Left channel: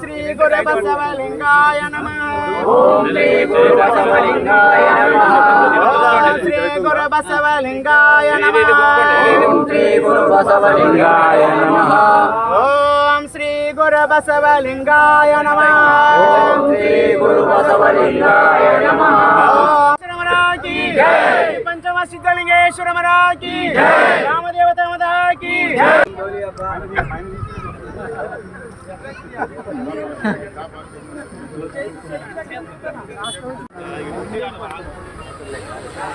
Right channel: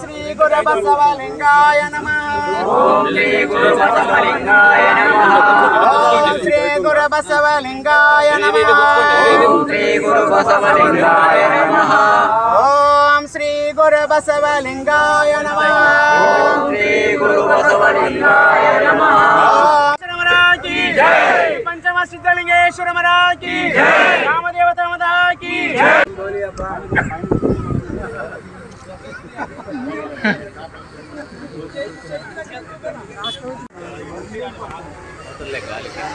శ్రీ గురు బసవలింగాయ నమ. శ్రీ గురు బసవలింగాయ నమ ఓం శ్రీ గురు బసవలింగాయ నమ ఓం శ్రీ గురు బసవలింగాయ నమ ఓం శ్రీ గురు బసవలింగాయ నమ ఓం శ్రీ గురు బసవలింగాయ నమ লেখা লেখা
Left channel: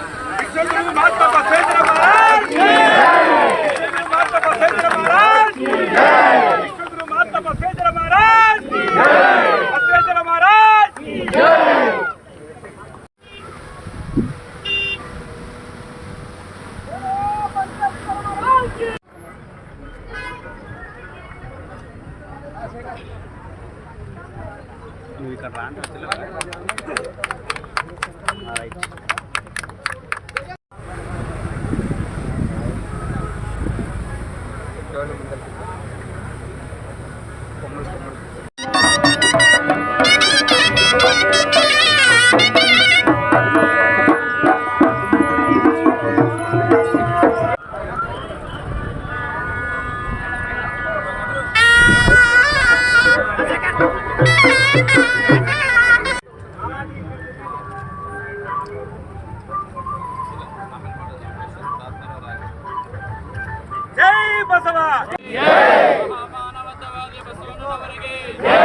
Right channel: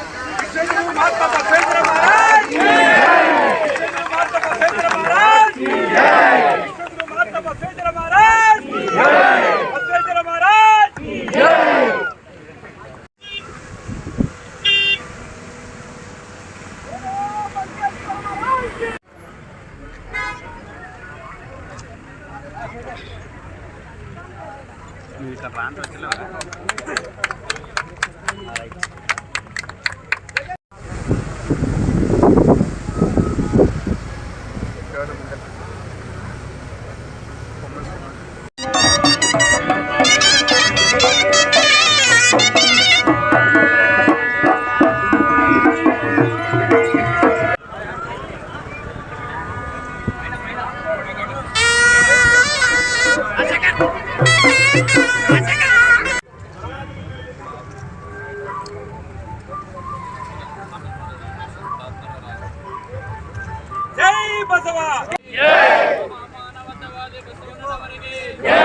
ఇక్కడ రాను వచ్చిన రైట్ ಜೈ ಬಸವ ಜೈ ಮಾನವತಾವಾದಿ ಬಸವನವರಿಗೆ ಜೈ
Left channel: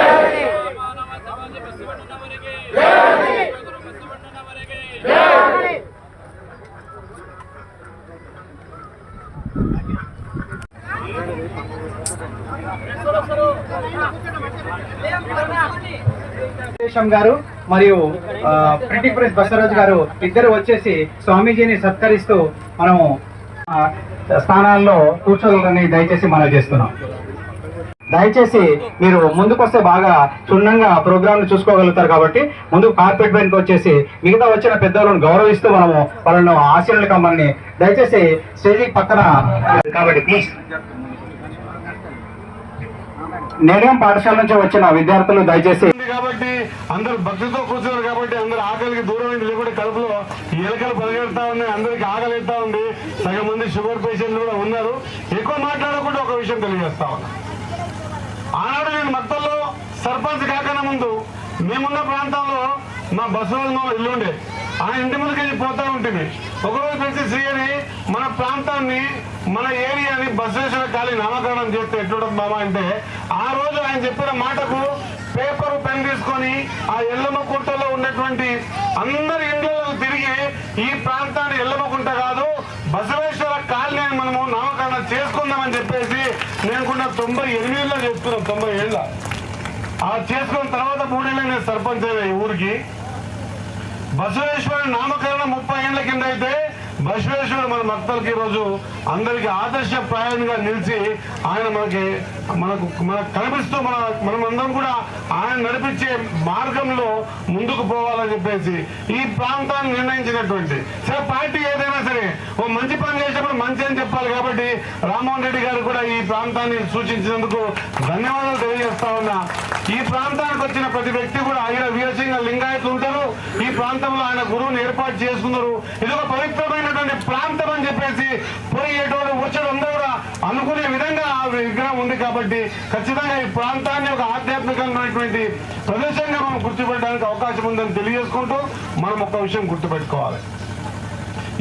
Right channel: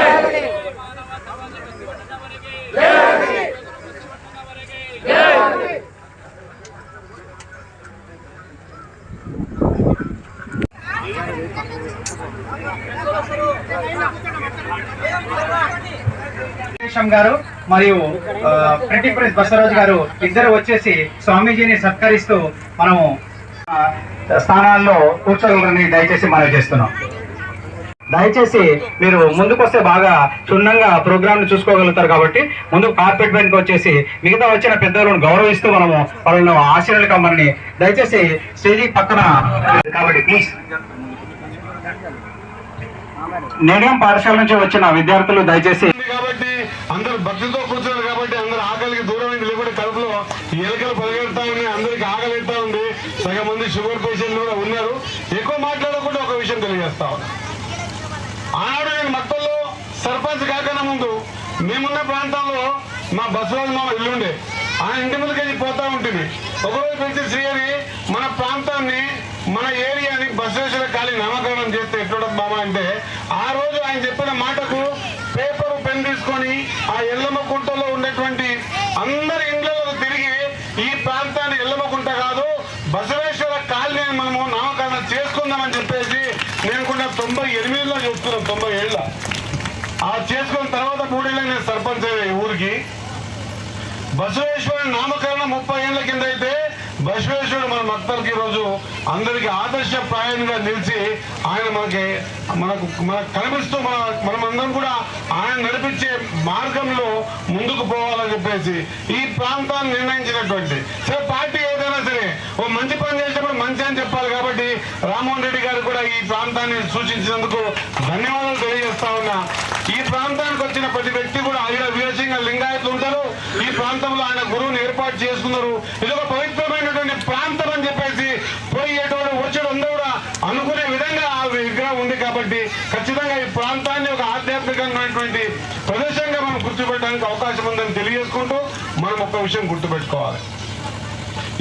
వెంకటేశం గారు మరియు ప్రింటింగ్ ప్రెస్ బసవరాజు గారు ఇద్దరు వచ్చేసి స్వామీజీని సత్కరిస్తూ మనము స్థానాల్లో కూర్చోగలరని దయచేసి మనం చేస్తున్నాం. దయచేసి మీరు ముందుకు వస్తే బాగా క్షుణ్ణంగా ప్రోగ్రామ్ చూసుకోగలుగుతారు కాబట్టి ముందు కార్పెట్ పైనకి వచ్చేసి మిగతా వచ్చిన పెద్దలను గౌరవిస్తూ మనము వాళ్ళను ఆశీర్వాదాలు కమ్మని దయచేసి స్టేజీ పక్కన కాబట్టి ప్లీజ్. నేనేం పాఠశాల నుంచి వచ్చిన విద్యార్థులు దయచేసి అందరూ భక్తితో కూర్చున్నారు కాబట్టి అందరూ ఆకలికి దూరం ఉంది లేకుంటే కడుపులో ఎలకలు పలగెడతా ఉన్నాయి. అందరికి ఆకలి ఎడతా ఉంది? సగం మంది షుగర్ పేషెంట్లు కూడా ఉన్నారు. ఎక్కువ మాట్లాడకుండా ఒక విషయం తెలియజేస్తా ఆనాడు నేను మత్తల్లో సర్పంచ్ కాకనే ముందు మేమున్న ప్రాంతంలో మా బస్సు మా ఇల్లుండే ఆయన ఇంటి ముందుకు వెళ్ళి పోతా ఉంటుంది ఒకరోజు నుంచి శ్రీ అని మన ప్రాంతాన్ని మన ఏరియాని బసవేశ్వర ఖాళీ నామకరణం చేస్తే ఎట్లుంటుంది మామ అంటే ఆ రోజు ఆయన చెప్పిన మాటకు పేపర్ పెన్ తీసుకొని ఆ ఎల్లమ్మ కుంటలో ఉన్నటువంటి అందరి ఇండ్లలో తిరిగి ఈ ప్రాంతాన్ని ఎల్లమ్మ కుంట కాదు బసవేశ్వర కాలనీ మనము నామకరణం చేసుకుందామని చెప్పేసి నేను కూడా తొంభై ఎనిమిదిలో చెప్తున్నాను తొంభై ఏళ్ళ. ఆ చేసుకున్న తర్వాత మూడేళ్ళ నేను సర్పంచ్ అయ్యా ఈ ఊరికి. బసవేశ్వర నామకరణం ముప్పై ఏళ్ళ కింద అయితే బసవేశ్వరుడు మన భక్తులకి ఈరోజు అందరికి ఆదర్శప్రాయంగా నిలిచి ఆయన మనకి మనకు మనకు కనిపిస్తూ మన మనమందరం కూడా ఆయన నడిపించే మార్గంలో ముందుకు పోవాలని చెప్పేసి ఈ ప్రాంతాన్ని నిర్ణయించినటువంటి సరే పార్టీ ఏదైనా సరే ఓ మంచి పని చేసినప్పుడు మంచి అని చెప్పాలి కాబట్టి రామ్మోహన్ రెడ్డి గారు కూడా ఈ ప్రాంతాన్ని సూచించినందుకు ధన్యవాదాలు తెలియజేస్తా ఉన్నా. ఈ ప్రాంతానికి వచ్చిన ప్రతి వ్యక్తి కూడా ఆయన వీరసింగ లింగాయతులు ఉంటారు ఈ ప్రాంతంలో ఆయన గురువుని ఏర్పాటు చేసుకున్నారు. ఇది ఒక పవిత్రమైనటువంటి ప్రాంతం అని చెప్పేసి పోయేటోడు వచ్చాడు అందరూ కూడా అనుకునే విధంగా ఆ విగ్రహం ఉంది కాబట్టి ఖచ్చితంగా ఈ ప్రాంతాన్ని ఒక ఆధ్యాత్మికమైనటువంటి ప్రదేశంగా మనం గుర్తుపెట్టడానికి అవకాశం ఉందని తెలియజేసుకుంటూ మనం ఒక విషయం గుర్తుపెట్టుకోవాలి.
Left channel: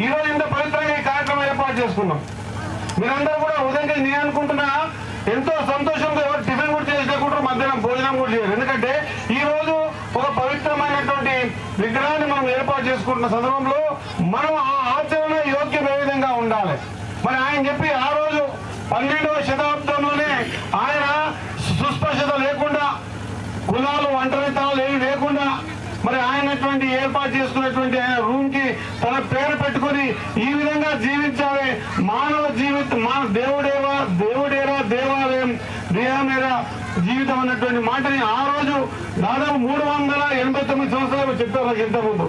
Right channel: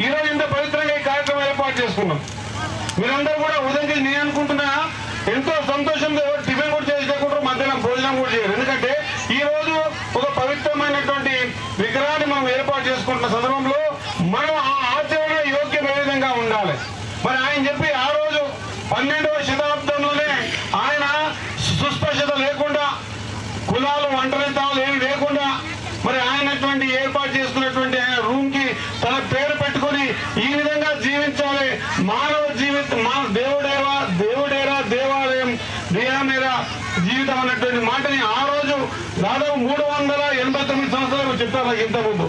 ఈ రోజు ఇంత పవిత్రంగా ఈ కార్యక్రమం ఏర్పాటు చేసుకున్నాం. మీరందరూ కూడా ఉదయం నేను అనుకుంటున్నా ఎంతో సంతోషంగా ఎవరు టిఫిన్ కూడా చేసుకుంటారు మధ్యాహ్నం భోజనం కూడా చేయరు. ఎందుకంటే ఈ రోజు ఒక పవిత్రమైనటువంటి చేసుకుంటున్న సందర్భంలో మనం ఆ ఆచరణ యోగ్యమైన విధంగా ఉండాలి? మరి ఆయన చెప్పి ఆ రోజు పన్నెండవ శతాబ్దంలోనే ఆయన సుస్పష్టత లేకుండా కులాలు లేకుండా మరి ఆయనటువంటి ఏర్పాటు చేసుకున్నటువంటి ఆయన రూమ్కి తన పేరు పెట్టుకొని ఈ విధంగా జీవించాలి. మానవ జీవిత మాన దేవుడేవా దేవుడేరా దేవాలయం దేవానేరా జీవితం అన్నటువంటి మాటని ఆ రోజు దాదాపు మూడు వందల ఎనభై తొమ్మిది సంవత్సరాలు చెప్పారు ఇంతకుముందు.